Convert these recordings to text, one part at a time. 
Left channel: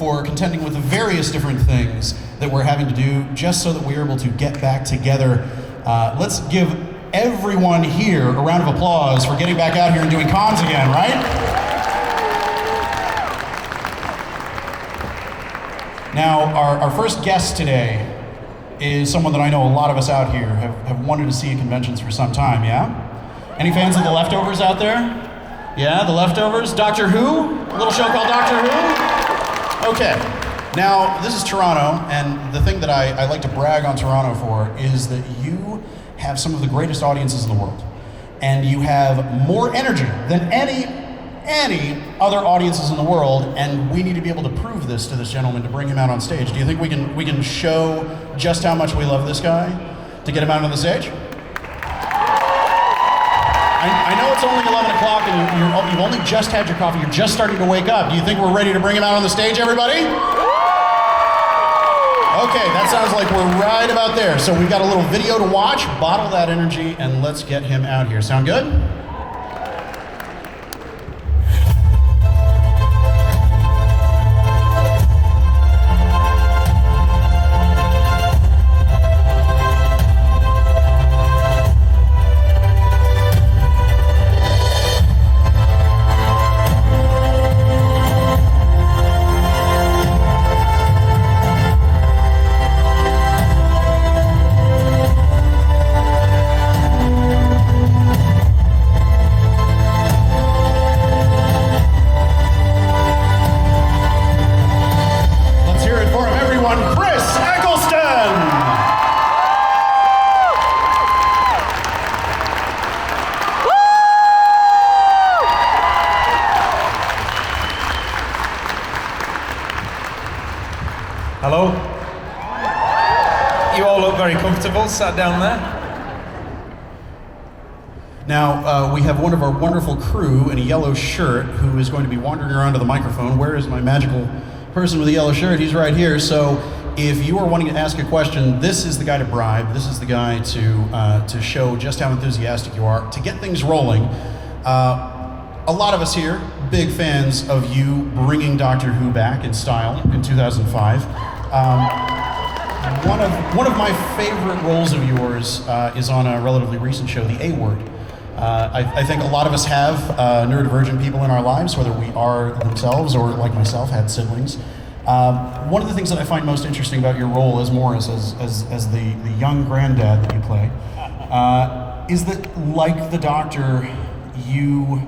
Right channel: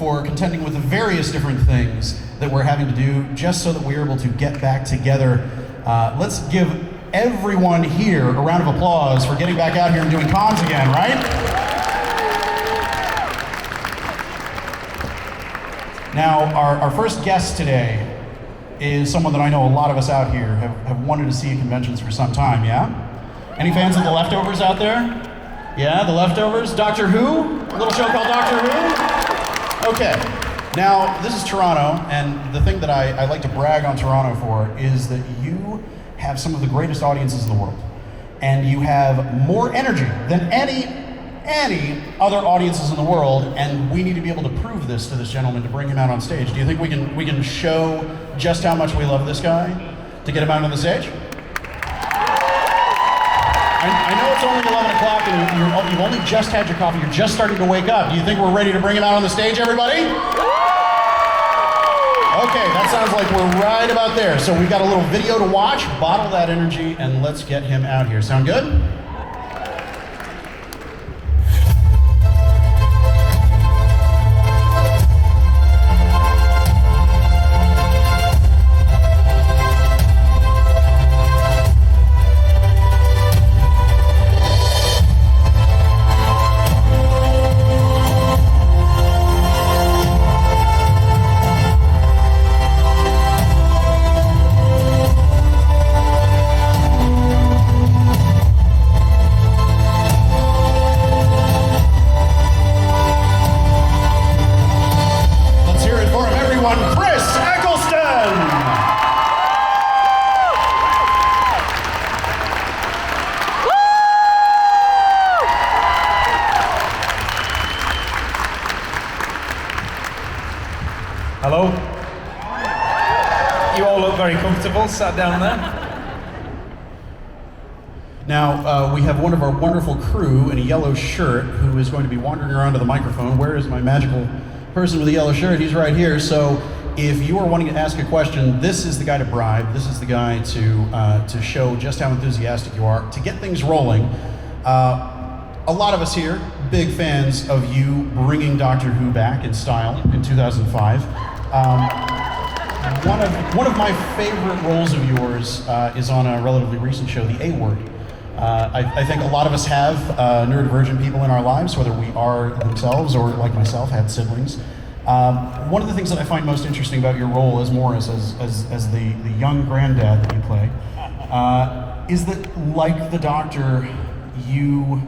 for contending with the various different things that we're having to do just so that we're able to get back together. Let's give everyone here a round of applause for getting back out here and doing cons again, right? Now, our first guest today is someone that I know a lot of us out here have wanted to see at conventions for some time, yeah? Any fans of The Leftovers out there? Yeah, The Leftovers? Doctor Who? A little show called Doctor Who? Okay. Now, this is Toronto, and the thing that I like to brag on Toronto for is that you have some of the greatest audiences in the world. And you have more energy than any other audiences in the world, and we need to be able to prove this to this gentleman to bring him out on stage. Do you think we can show just how much we love this guy to get him out on the stage? I know it's only 11 o'clock and you've only just had your coffee, you're just starting to wake up. Do you think we're ready to bring him out on the stage, everybody? Okay, that sounds like we're right about there. So we got a little video to watch, bottle that energy, and let's get him out here. Sound good? Chris Eccleston! Hello. You all look very comfortable, sat down there. Now, we have one of our wonderful crew in a yellow shirt who is going to be wandering around to the microphone. Where is my magical person with the yellow shirt? He's right here. So if you are wanting to ask a question, this is the guy to bribe. This is the guy to show just how enthusiastic you are, to get things rolling. A lot of us here, big fans of you bringing Doctor Who back in style in 2005. One of my favorite roles of yours is on a relatively recent show, The A Word. I think a lot of us have neurodivergent people in our lives, whether we are themselves or, like myself, had siblings. One of the things that I find most interesting about your role as Morris, as the young granddad that you play, is that, like the Doctor, you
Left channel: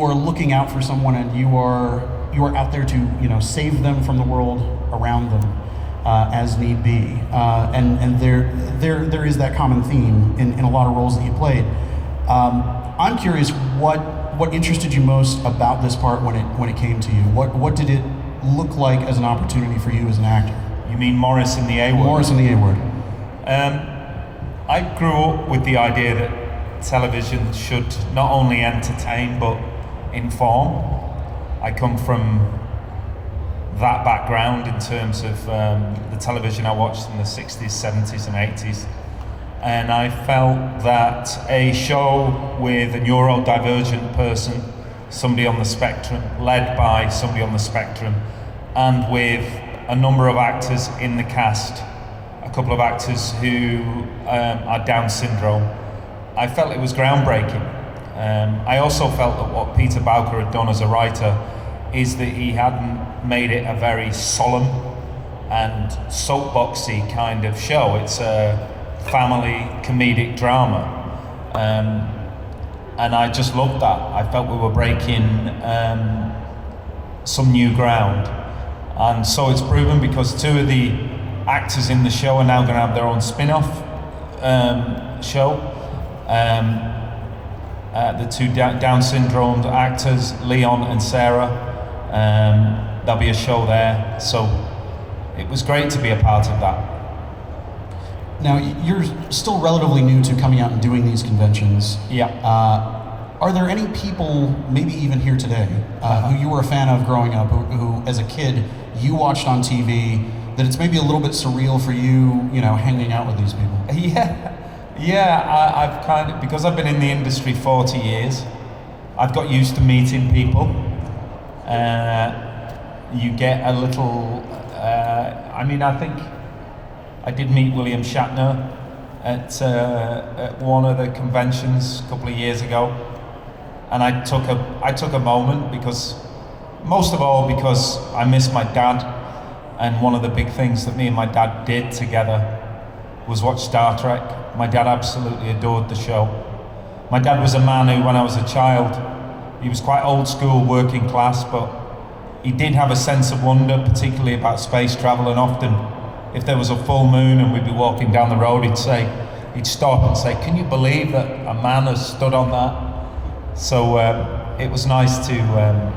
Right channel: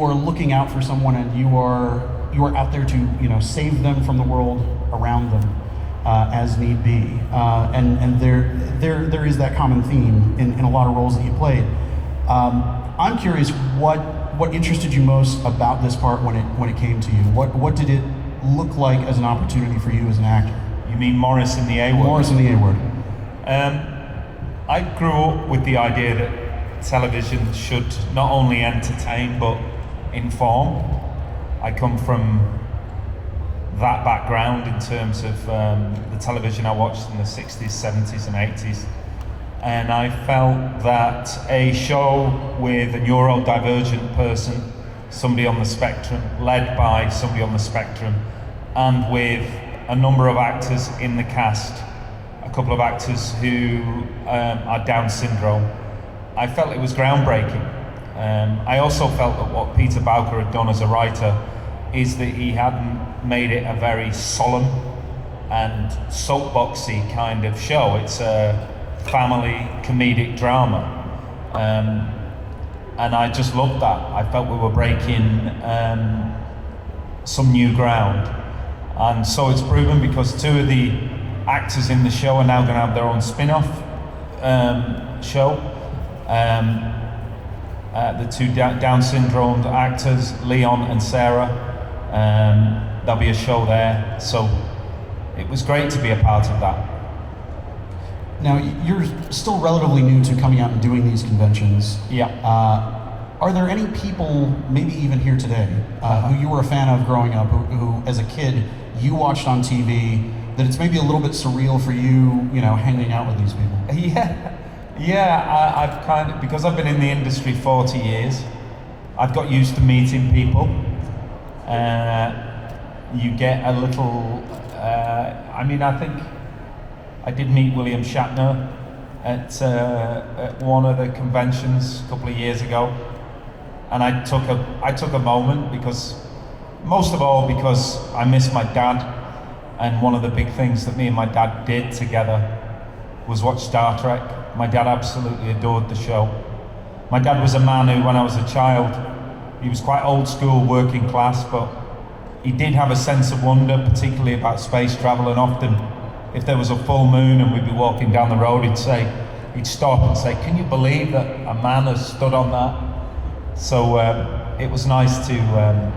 are looking out for someone, and you are out there to save them from the world around them as need be. And there is that common theme in a lot of roles that you played. I'm curious what interested you most about this part when it came to you. What did it look like as an opportunity for you as an actor? You mean Morris in the A Word? Morris in the A Word. I grew up with the idea that television should not only entertain but inform. I come from that background in terms of the television I watched in the 60s, 70s and 80s. And I felt that a show with a neurodivergent person, somebody on the spectrum, led by somebody on the spectrum, and with a number of actors in the cast, a couple of actors who are Down syndrome, I felt it was groundbreaking. I also felt that what Peter Bowker had done as a writer is that he hadn't made it a very solemn and soapboxy kind of show. It's a family comedic drama, and I just loved that. I felt we were breaking some new ground, and so it's proven, because two of the actors in the show are now going to have their own spin-off show. The two Down syndrome actors, Leon and Sarah, there'll be a show there, so it was great to be a part of that. Now, you're still relatively new to coming out and doing these conventions. Yeah. Are there any people, maybe even here today, who you were a fan of growing up, who as a kid you watched on TV, that it's maybe a little bit surreal for you, hanging out with these people? Yeah. I've kind of, because I've been in the industry 40 years, I've got used to meeting people. you get a little. I think I did meet William Shatner at one of the conventions a couple of years ago, and I took a moment because I miss my dad, and one of the big things that me and my dad did together was watch Star Trek. My dad absolutely adored the show. My dad was a man who, when I was a child, he was quite old school, working class, but he did have a sense of wonder, particularly about space travel, and often, if there was a full moon and we'd be walking down the road, he'd stop and say, "Can you believe that a man has stood on that?" So it was nice to,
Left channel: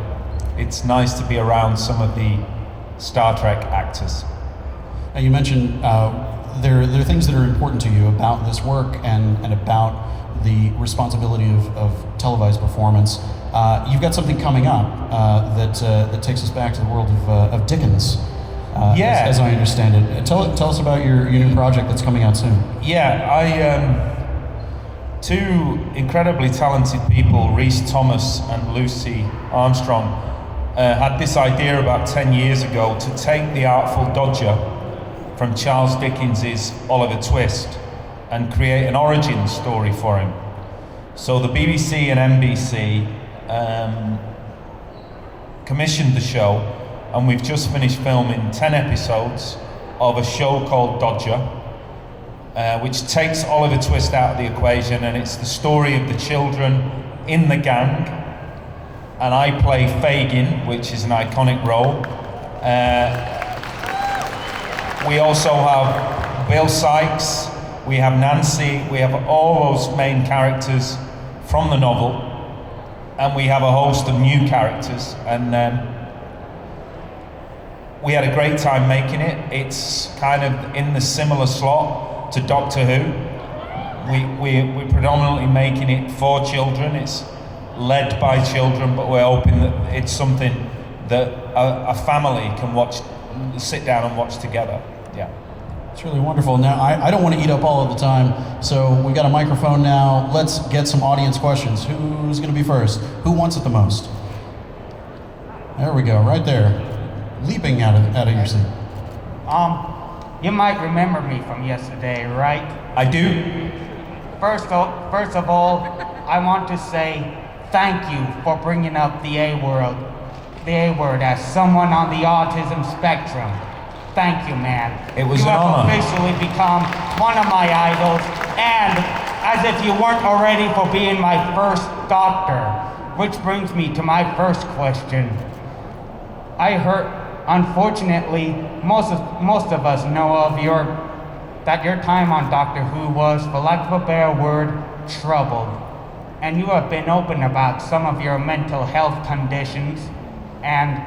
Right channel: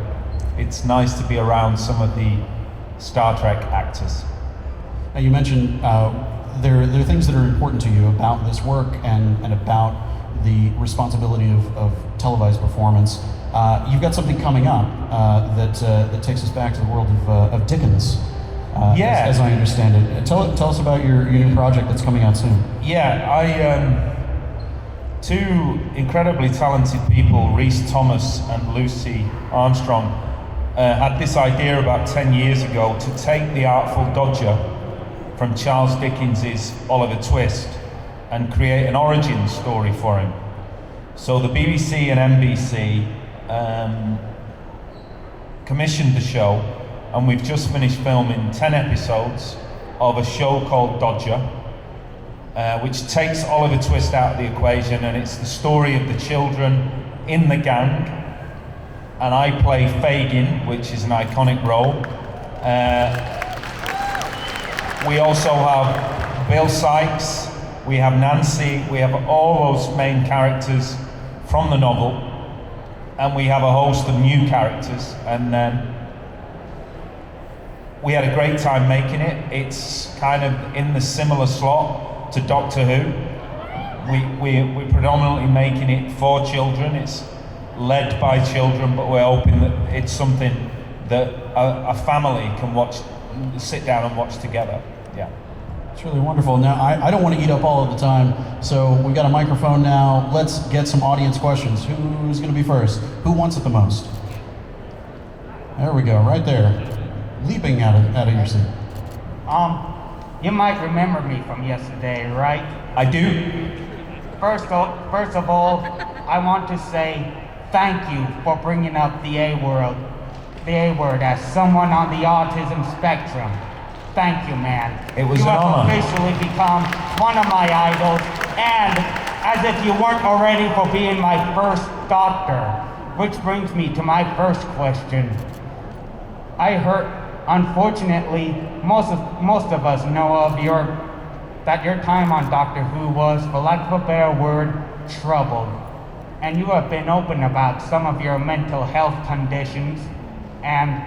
it's nice to be around some of the Star Trek actors. Now you mentioned there are things that are important to you about this work and about the responsibility of televised performance. You've got something coming up that takes us back to the world of Dickens, as I understand it. Tell us about your new project that's coming out soon. Yeah, two incredibly talented people, Rhys Thomas and Lucy Armstrong, had this idea about 10 years ago to take the Artful Dodger from Charles Dickens's Oliver Twist and create an origin story for him. So the BBC and NBC commissioned the show, and we've just finished filming 10 episodes of a show called Dodger, which takes Oliver Twist out of the equation, and it's the story of the children in the gang. And I play Fagin, which is an iconic role. We also have Bill Sykes, we have Nancy, we have all those main characters from the novel, and we have a host of new characters. And we had a great time making it. It's kind of in the similar slot to Doctor Who. We're predominantly making it for children. It's led by children, but we're hoping that it's something that a family can sit down and watch together. Yeah. It's really wonderful. Now, I don't want to eat up all of the time, so we got a microphone now. Let's get some audience questions. Who's going to be first? Who wants it the most? There we go, right there. Leaping out of your seat. You might remember me from yesterday, right? I do. First of all, I want to say thank you for bringing up the A word as someone on the autism spectrum. Thank you, man. It was you an have honor. officially become one of my idols, and as if you weren't already, for being my first doctor. Which brings me to my first question. I heard, unfortunately, most of us know that your time on Doctor Who was, for lack of a better word, troubled. And you have been open about some of your mental health conditions. And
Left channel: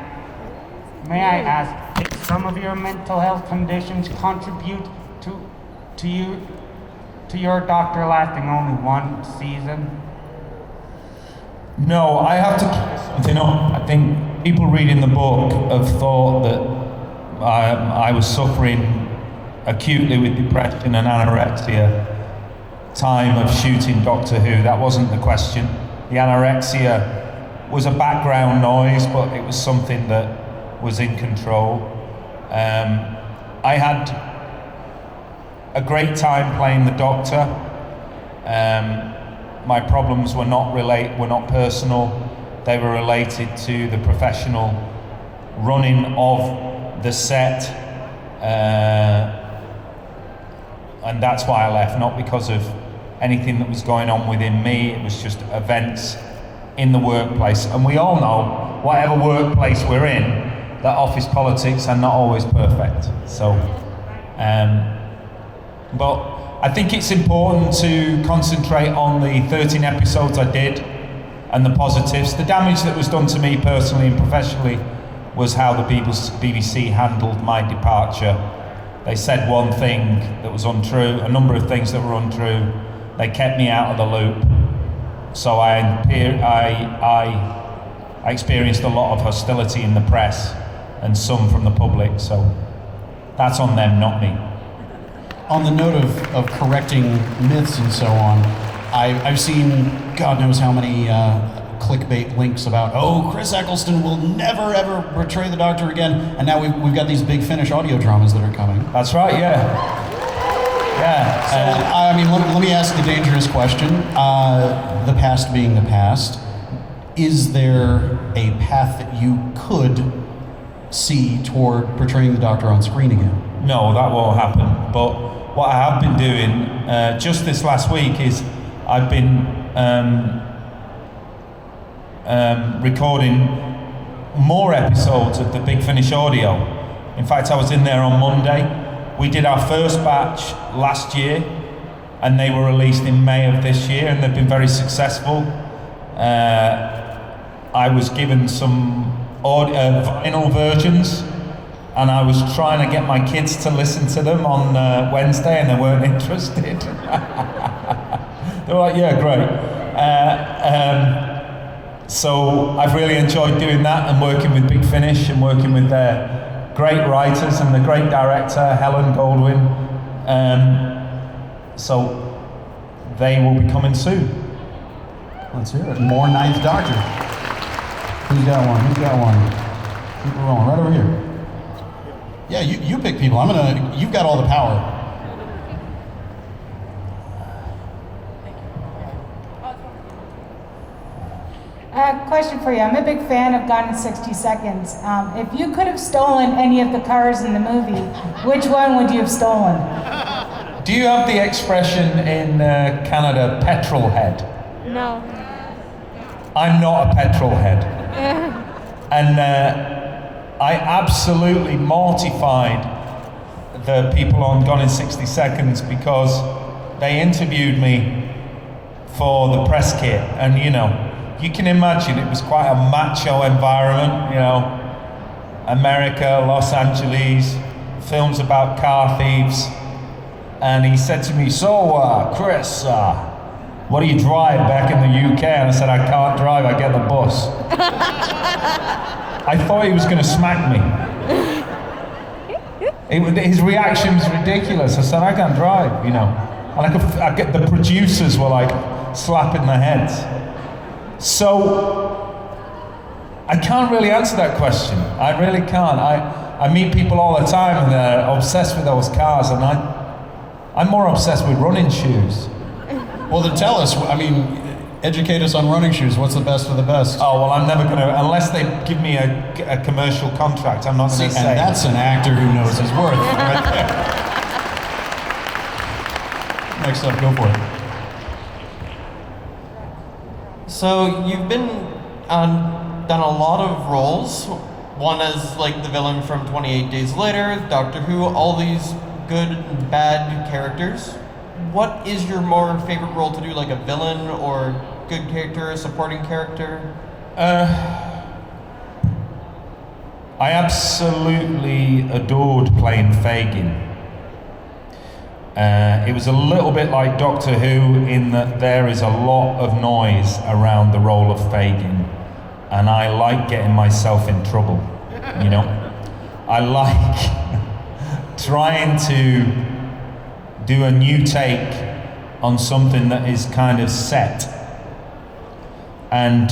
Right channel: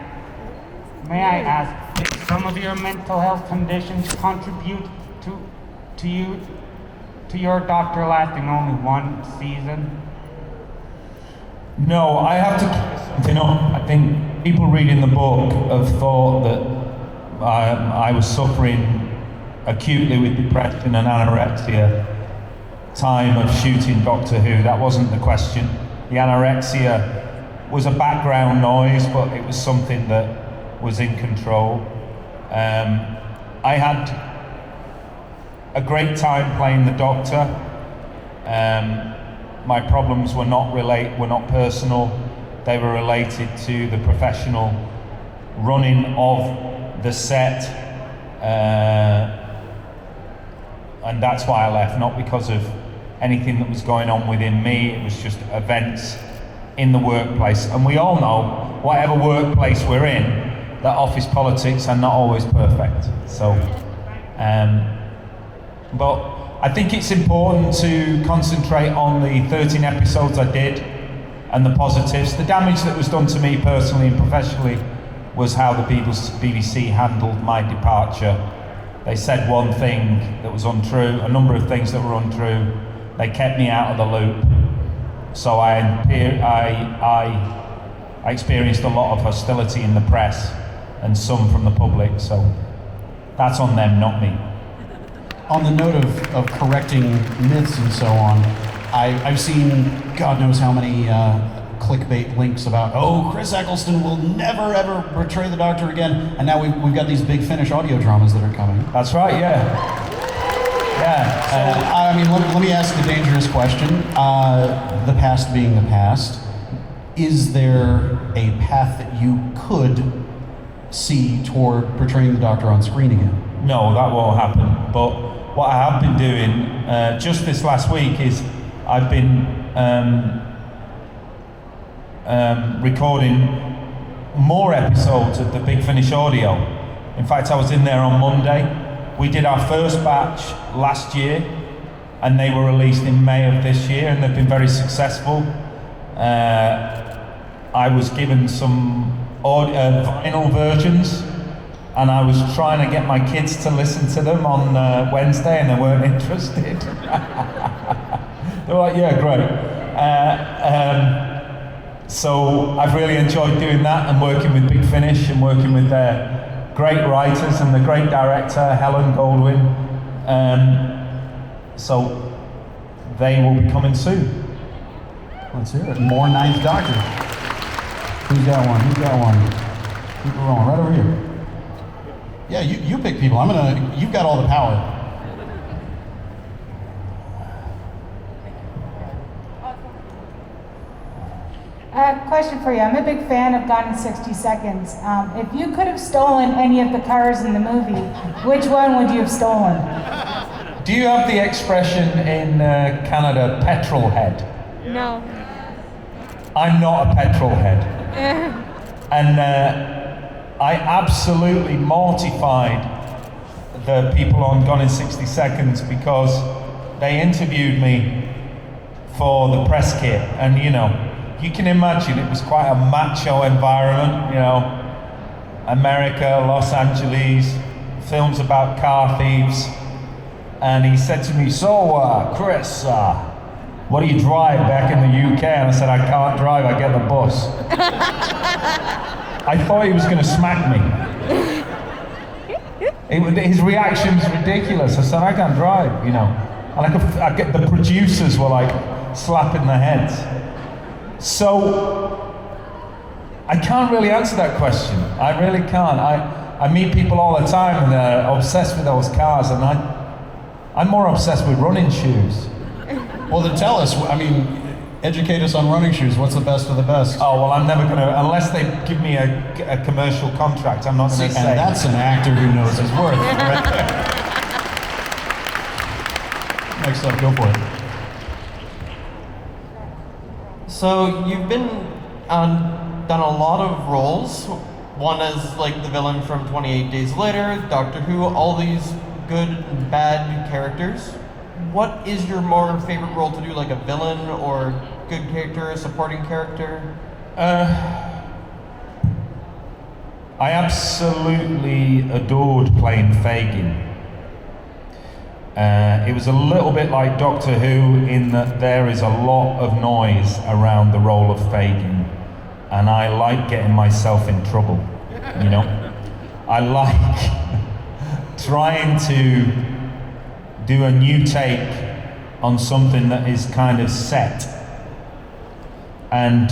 may I ask, if some of your mental health conditions contribute to your doctor lasting only one season? No, I have to. I think people reading the book have thought that I was suffering acutely with depression and anorexia. Time of shooting Doctor Who, that wasn't the question. The anorexia was a background noise, but it was something that was in control. I had a great time playing the Doctor. My problems were not personal. They were related to the professional running of the set, and that's why I left, not because of anything that was going on within me. It was just events in the workplace, and we all know, whatever workplace we're in, that office politics are not always perfect. So, but I think it's important to concentrate on the 13 episodes I did and the positives. The damage that was done to me personally and professionally was how the BBC handled my departure. They said one thing that was untrue, a number of things that were untrue. They kept me out of the loop. So I experienced a lot of hostility in the press and some from the public. So that's on them, not me. On the note of correcting myths and so on, I've seen God knows how many clickbait links about, oh, Chris Eccleston will never ever portray the Doctor again, and now we've got these big Finnish audio dramas that are coming. That's right, yeah. So, I mean, let me ask a dangerous question. The past being the past, is there a path that you could see toward portraying the Doctor on screen again? No, that won't happen. But what I have been doing just this last week is I've been recording more episodes of the Big Finish audio. In fact, I was in there on Monday. We did our first batch last year, and they were released in May of this year, and they've been very successful. I was given some vinyl versions, and I was trying to get my kids to listen to them on Wednesday, and they weren't interested. They were like, yeah, great. So I've really enjoyed doing that and working with Big Finish and working with their great writers and the great director, Helen Goldwyn. So they will be coming soon. Let's hear it. More Ninth Doctor. Who's got one? Who's got one? Keep it rolling. Right over here. Yeah, you pick people. You've got all the power. Question for you. I'm a big fan of Gone in 60 Seconds. If you could have stolen any of the cars in the movie, which one would you have stolen? Do you have the expression in Canada, petrol head? No. I'm not a petrol head. And I absolutely mortified the people on Gone in 60 Seconds because they interviewed me for the press kit, and you can imagine it was quite a macho environment, America, Los Angeles, films about car thieves. And he said to me, so Chris, what do you drive back in the UK? And I said, I can't drive, I get the bus. I thought he was going to smack me. His reaction's ridiculous. I said, I can't drive, And I get the producers were like slapping their heads. So, I can't really answer that question. I really can't. I meet people all the time and they're obsessed with those cars, and I'm more obsessed with running shoes. Well, then tell us, educate us on running shoes. What's the best of the best? Oh, well, I'm never going to, unless they give me a commercial contract, I'm not going to say. And that's an actor who knows his worth. Next up, go for it. So you've done a lot of roles. One is like the villain from 28 Days Later, Doctor Who, all these good and bad characters. What is your more favorite role to do, like a villain or good character, supporting character? I absolutely adored playing Fagin. It was a little bit like Doctor Who in that there is a lot of noise around the role of Fagin, and I like getting myself in trouble, I like trying to do a new take on something that is kind of set. And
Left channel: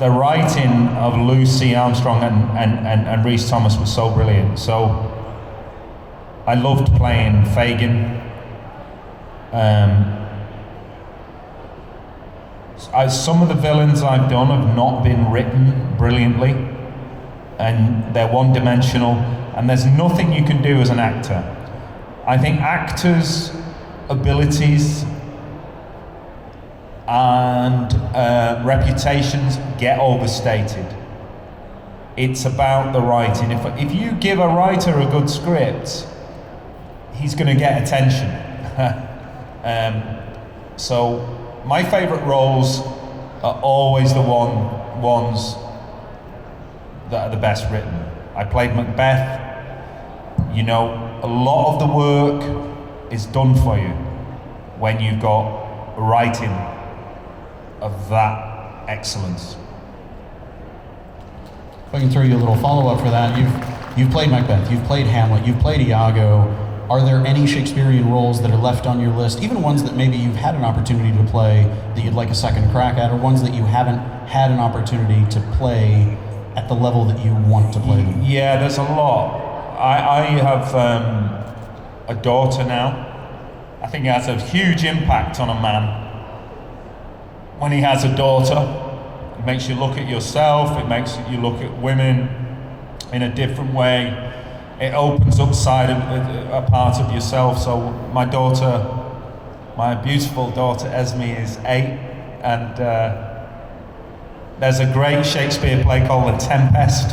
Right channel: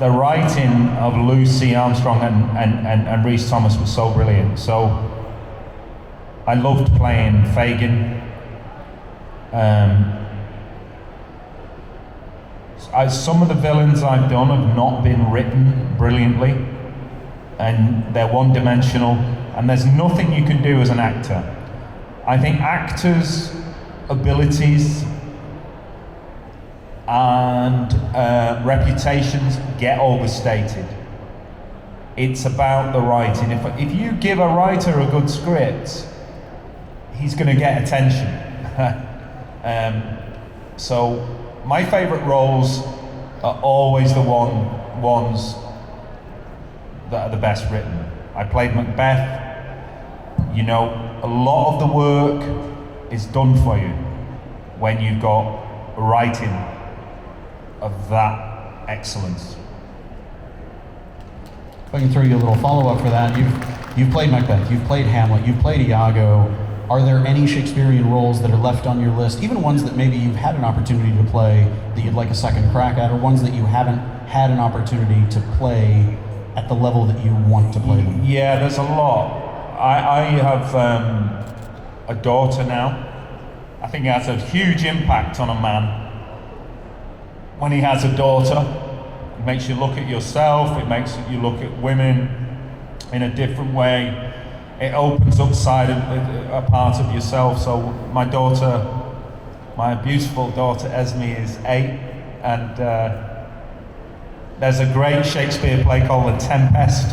the writing of Lucy Armstrong and Rhys Thomas was so brilliant. So I loved playing Fagin. Some of the villains I've done have not been written brilliantly, and they're one-dimensional, and there's nothing you can do as an actor. I think actors' abilities and reputations get overstated. It's about the writing. If you give a writer a good script, he's going to get attention. So my favourite roles are always the ones that are the best written. I played Macbeth. A lot of the work is done for you when you've got writing of that excellence. If I can throw you a little follow-up for that, you've played Macbeth, you've played Hamlet, you've played Iago. Are there any Shakespearean roles that are left on your list, even ones that maybe you've had an opportunity to play that you'd like a second crack at, or ones that you haven't had an opportunity to play at the level that you want to play? Yeah, there's a lot. I have a daughter now. I think it has a huge impact on a man. When he has a daughter, it makes you look at yourself, it makes you look at women in a different way. It opens up a part of yourself. So my daughter, my beautiful daughter Esme, is 8, and there's a great Shakespeare play called The Tempest,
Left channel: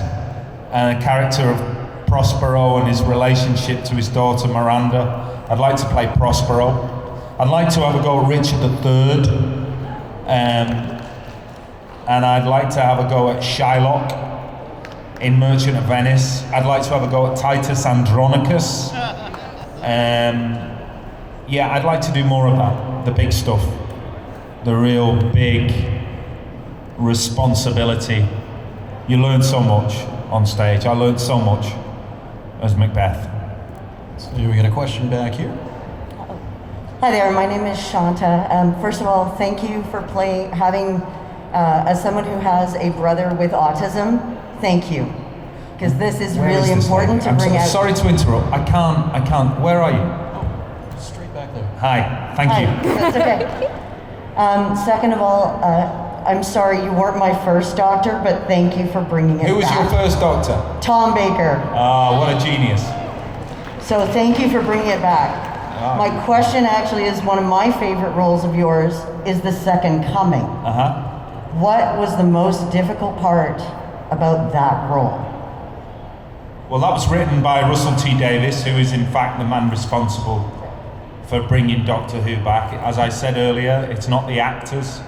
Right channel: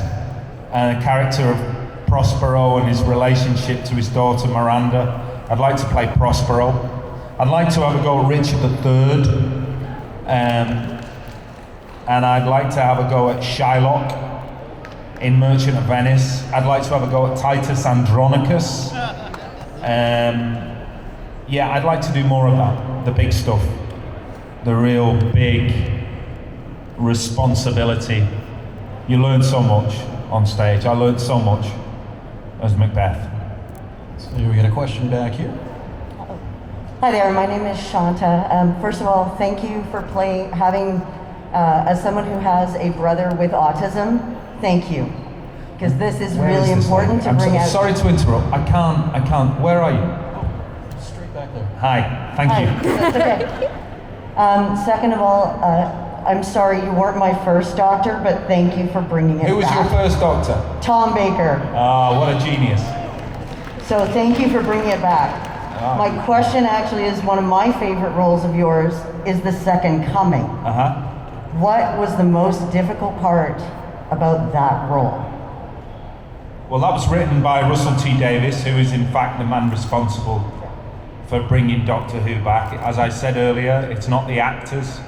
and a character of Prospero and his relationship to his daughter Miranda. I'd like to play Prospero. I'd like to have a go at Richard III, and I'd like to have a go at Shylock in Merchant of Venice. I'd like to have a go at Titus Andronicus. Yeah, I'd like to do more of that, the big stuff, the real big responsibility. You learn so much on stage. I learned so much as Macbeth. So we got a question back here. Hi there, my name is Shanta. First of all, thank you for having, as someone who has a brother with autism, thank you. Because this is really important to bring out. Sorry to interrupt, I can't, where are you? Straight back there. Hi, thank you. That's okay. Second of all, I'm sorry you weren't my first doctor, but thank you for bringing it Who was back. your first doctor? Tom Baker. What a genius. So thank you for bringing it back. My question actually is one of my favorite roles of yours is The Second Coming. What was the most difficult part about that role? Well, that was written by Russell T Davies, who is in fact the man responsible for bringing Doctor Who back. As I said earlier, it's not the actors,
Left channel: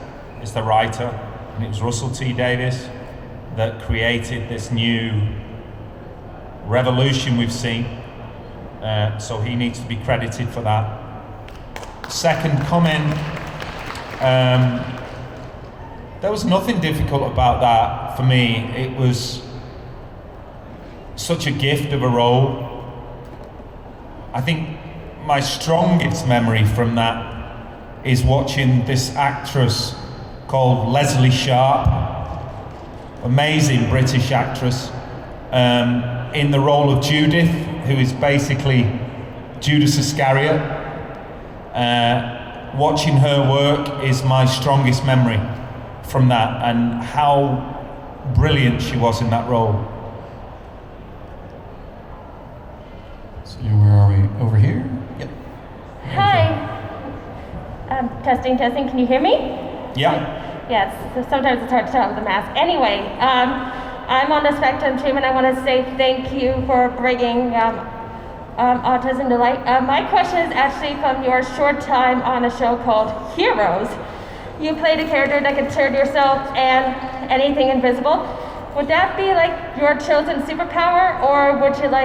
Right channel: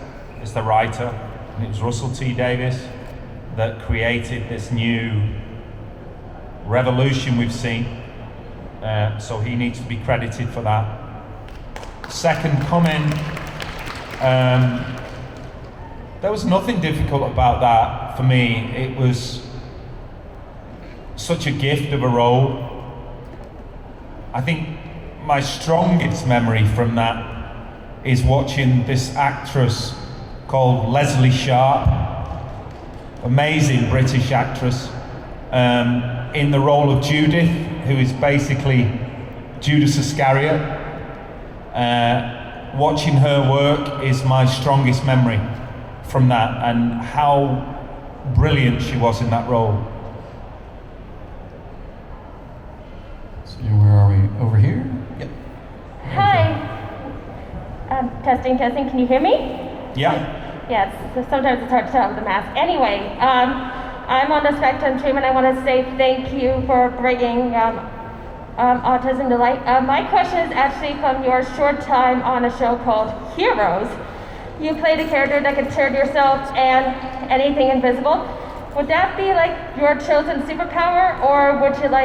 it's the writer, and it was Russell T Davies that created this new revolution we've seen. So he needs to be credited for that. Second Coming, there was nothing difficult about that for me. It was such a gift of a role. I think my strongest memory from that is watching this actress called Leslie Sharp, amazing British actress, in the role of Judith, who is basically Judas Iscariot. Watching her work is my strongest memory from that, and how brilliant she was in that role. So where are we? Over here? Yep. Hi. Testing. Can you hear me? Yeah. Yes. So sometimes it's hard to tell with the mask. Anyway, I'm on the spectrum team, and I want to say thank you for bringing autism to light. My question is actually from your short time on a show called Heroes. You played a character that could turn yourself and anything invisible. Would that be like your chosen superpower, or would you like